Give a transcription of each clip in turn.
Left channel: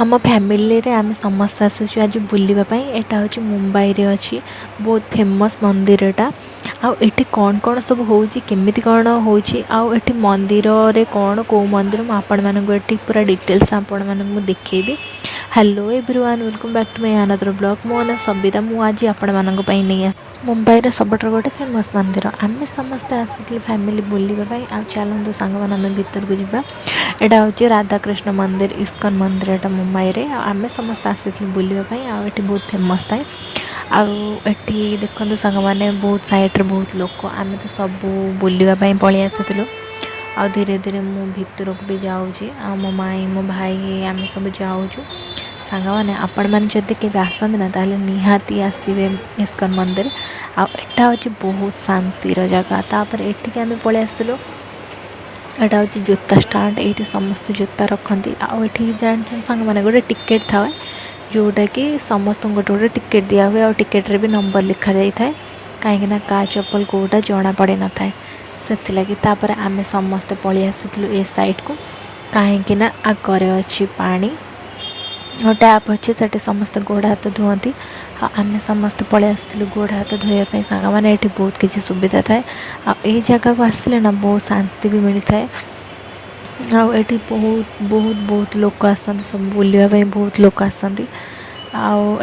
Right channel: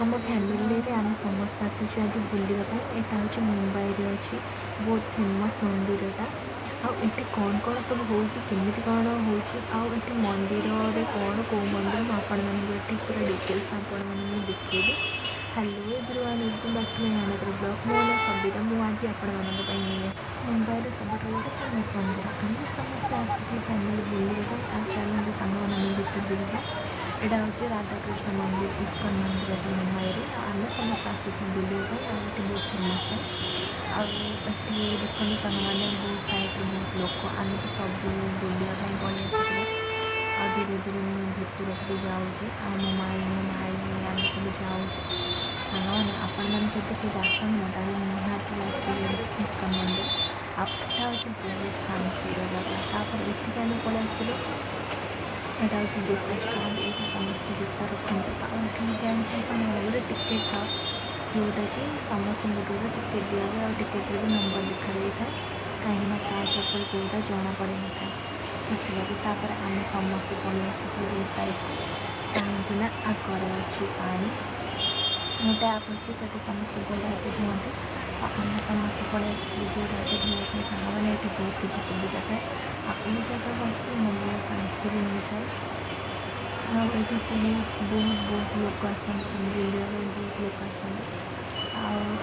आम फैमिली रे आम समस्त आसुचु आज बुलवाई। यहाँ हूँ मुंबई रे अच्छी बहुत फेमस मंदिर एटा। आठी कौन कौन सब होमी कौन होठी मंदिर रे कौन कौ मंदिर मुझे पूरा डिटेल्स आपण मानक देखी। Hello everyone, welcome back to my another blog. मो ना सबिता मुझे आपण मानक नहीं मुंबई रे सबुठ गोटे फेमस मंदिर आम समस्ते आसी फैमिली बुलवाई। आ चलते सांग मैंने भीतर को जावा। यहाँ हूँ राधाकृष्ण मंदिर, इस्कन मंदिर यहाँ मुंबई रे। आम समस्त आसी बुलवाई। आठी बहुत फेमस थाए। आठी देखते सांग मैंने बहुत साइड्रे बहुत लोक आम तो सब बुलवाई पलि आसी। आ धीरे धीरे मु भीतर को भी जाऊँगी। मो माई मो भाई आम सब जाऊँ सांग मैंने आपण मैंने जब के आसती ना ताले निहाती आसवे इस्कन मंदिर। आटा हूँ बहुत शांतिर जगह। तापर एटिक आम पलि आसलु। यहाँ हूँ जूता स्टाण्ड, ये समस्त जूता रखती। आठी जान सांग मैंने गोटे टिकेट था जोटा कि समस्त गोटे गोटे टिकेट दिया हुए। आ टिकेट्रे भी नंबर लिखा जाए कहीं का चप्पल कौटा जना पड़ न था से लगी। आम समस्ते पलि आसी ए साइड को कहीं आगे अच्छी पानी और टैप अच्छे से समस्त गोड़ हाथ धुअंती। आम समस्त पलि आसलु गोड़ हाथ धोयापाई। सांग मैंने ये बहुत किसी सुविधा थाए। आ जगह को आसिले ना बहुत शांति भी मिलता है। आठी बहुत बहुत बहुत लोक आसती सब बुलवाई, बहुत लोक आसती।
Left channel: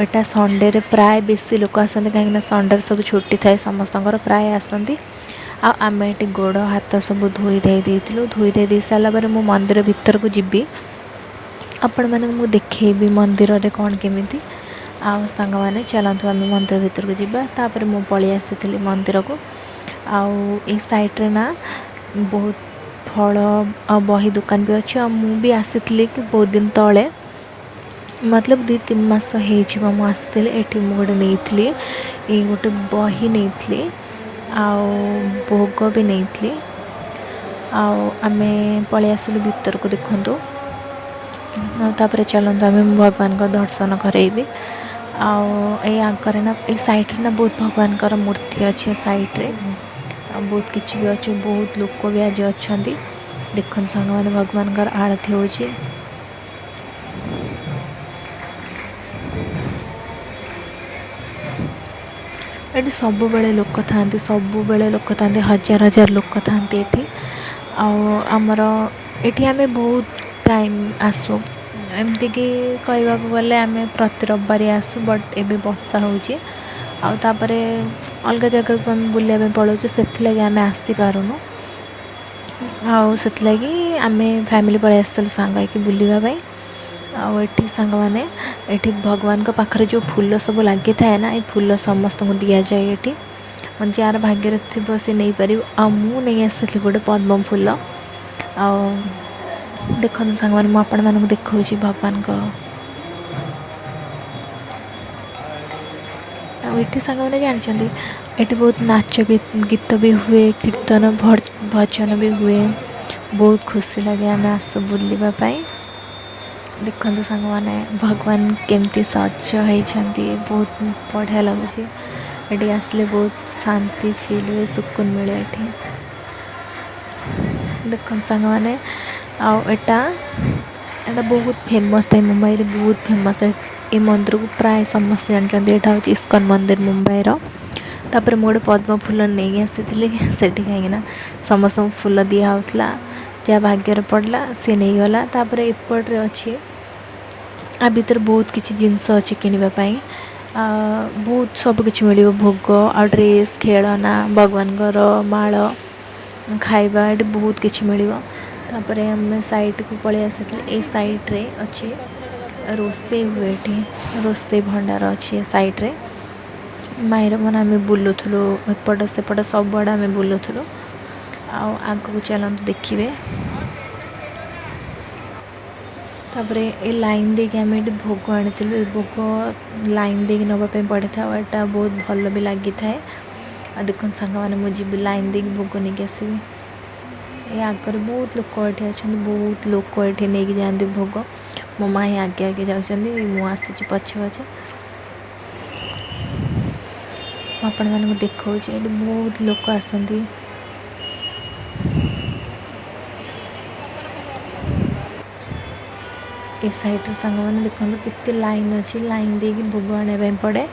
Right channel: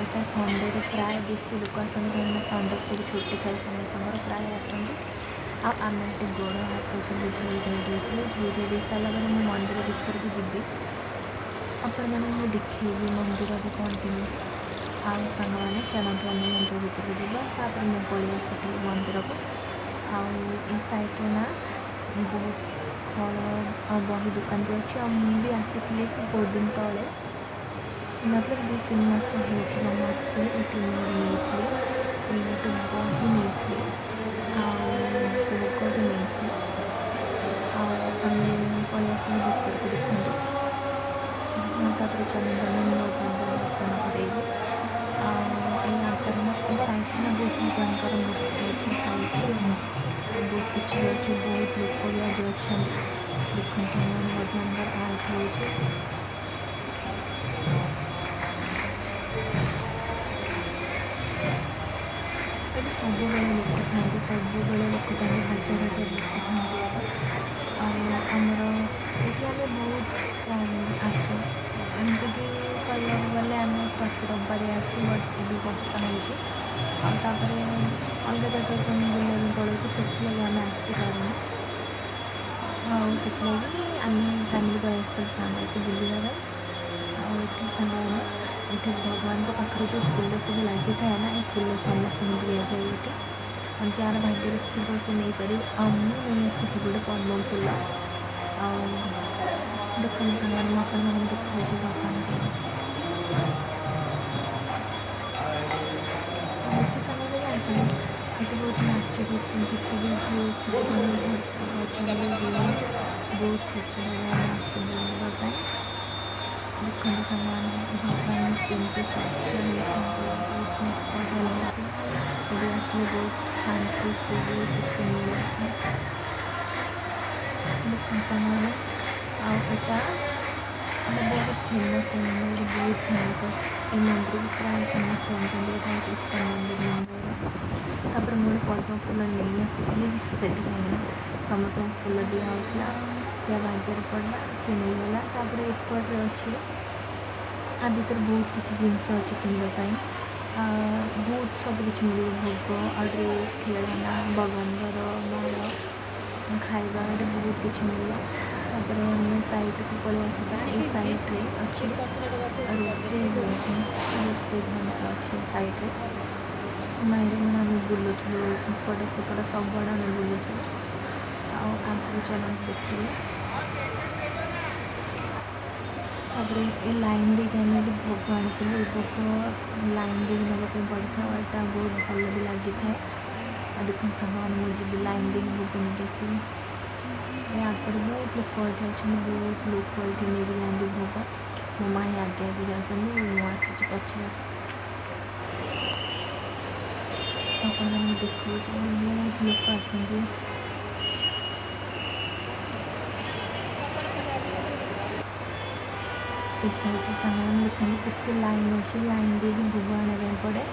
आटा संडे रे प्राय बेसी लोक आसती कहीं संडे सब छुट्टी थाए समस्त प्राय आसती। आम ये गोड़ हाथ सब धोई दे सारापर मो मंदिर भीतर को जीवी। आपण मैंने देखी मंदिर रे कौन केमी सांग मैंने चलतु आम मंदिर भीतर को जावा। मु पलि आसी मंदिर को। आई साइड्रे ना बहुत फल आ बही दुकान भी अच्छी। मु भी आसी बहुत दिन तले, मतलब 2-3 मास होती ये गोटे नहीं गोटे बही नहीं भोग भी नहीं। आम पलि आसिलु भीतर को देखु। तापर चलते आम भगवान का दर्शन करेबी। आगे ना ये साइड्रे ना बहुत भगवान का मूर्ति अच्छे साइड्रे बहुत किसी भी अच्छे। बहुत लोक भी आज अच्छा देखते सांग मैंने भगवान का आरती हो। ये सब बेले लोक था, सब बेले लोक था, हजार हजार लोक था ये। आमर ये आम बहुत टाइम आसू एमती कि कहवा गले आम प्रति रविवार आसू। बट एबे वर्षा होपर अलग जगह को आम बुलाया पलाऊ से आम आसी पारूँ। आगे आम फैमिली पलि आसलु सांग कि बुलवाई। आठी सांग मैंने ये भगवान का पाखरे जो फूल सब लगी थाए ना, ये फूल समस्त को दि जाए। ये जार भाग्य थी सी नहीं पार। मु नहीं आसी गोटे पद्म फूल। देखते सांग मैंने मुझे देखा भगवान को। ये सांग मैंने जानते ये बहुत नाच गीत भी हुए, कीर्तन भजन भी हुए। बहुत खुशी लगे आम आसू बुलवाई। देखते सांग मैंने भगवान केमती सज होती, बहुत बढ़िया लगुच। ये आसले बहुत शांति फील हुए, सुकून मिले। देखते सांग मैंने आटा बहुत फेमस है मुंबई रे, बहुत फेमस है। ये मंदिर को प्राय समस्त जानते। यहाँ हूँ इस्कन मंदिर मुंबई तापर मुझे पद्म फूल नहीं आसी से कहीं समस्त फूल दिहला जहाँ भाग्य पड़ला सी नहीं गला। तापर एपट्रे अच्छी आ भीतर बहुत किसी जिनस अच्छी किणापी। बहुत सबकि मिल भोग आ ड्रेस खेलना भगवान माल खाଇବା ये बहुत किसी मिल। तापर आम साइड को पलि आसी ये साइड्रे अच्छी रोसे हुए, रोसे भंडार अच्छी साइड्रे। माईर मन आम बुलूलु एपट सेपट सब आड़े आम बुलूलु। आग को चलते देखिए। तापर ये लाइन देखिए आम ये भोग आनी भोग लाइन दे नापी पड़े था। यहाँ बहुत भल भी लगी थाए। देखो सांग मैंने मुझे लाइन दे भोग नहीं आसबि। ये आगे बहुत लोक ये अच्छा, बहुत लोक ये नहीं जाती भोग। मो माई आगे आगे जाऊँगी, मुझे पछे पछे आपण मैंने देखा। ये बहुत लोक आसती। ए साइड सांग मैंने देखते कितने लाइन अच्छी लाइन दे भोग आने पड़े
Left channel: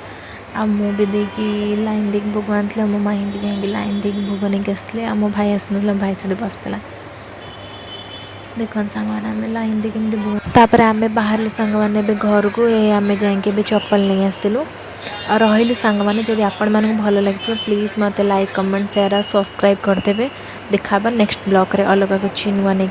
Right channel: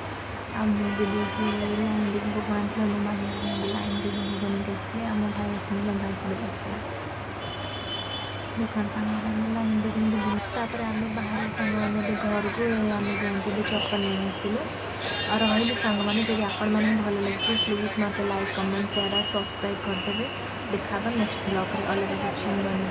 आ भी देखी लाइन दे भोग आनी मो माई भी जाए लाइन दे भोग नहीं आसते आ मो भाई आसना भाई से बसला देखते सांग मैंने लाइन दे भोग आम बाहर सांग मैंने घर को आम जाकि चप्पल नहीं आसलु रही सांग मैंने जब आपण मानक भल लगे प्लीज़ मत लाइक कमेंट शेयर और सब्सक्राइब करदे। देखा नेक्स्ट ब्लॉग रे अलग किसी नुआ नहीं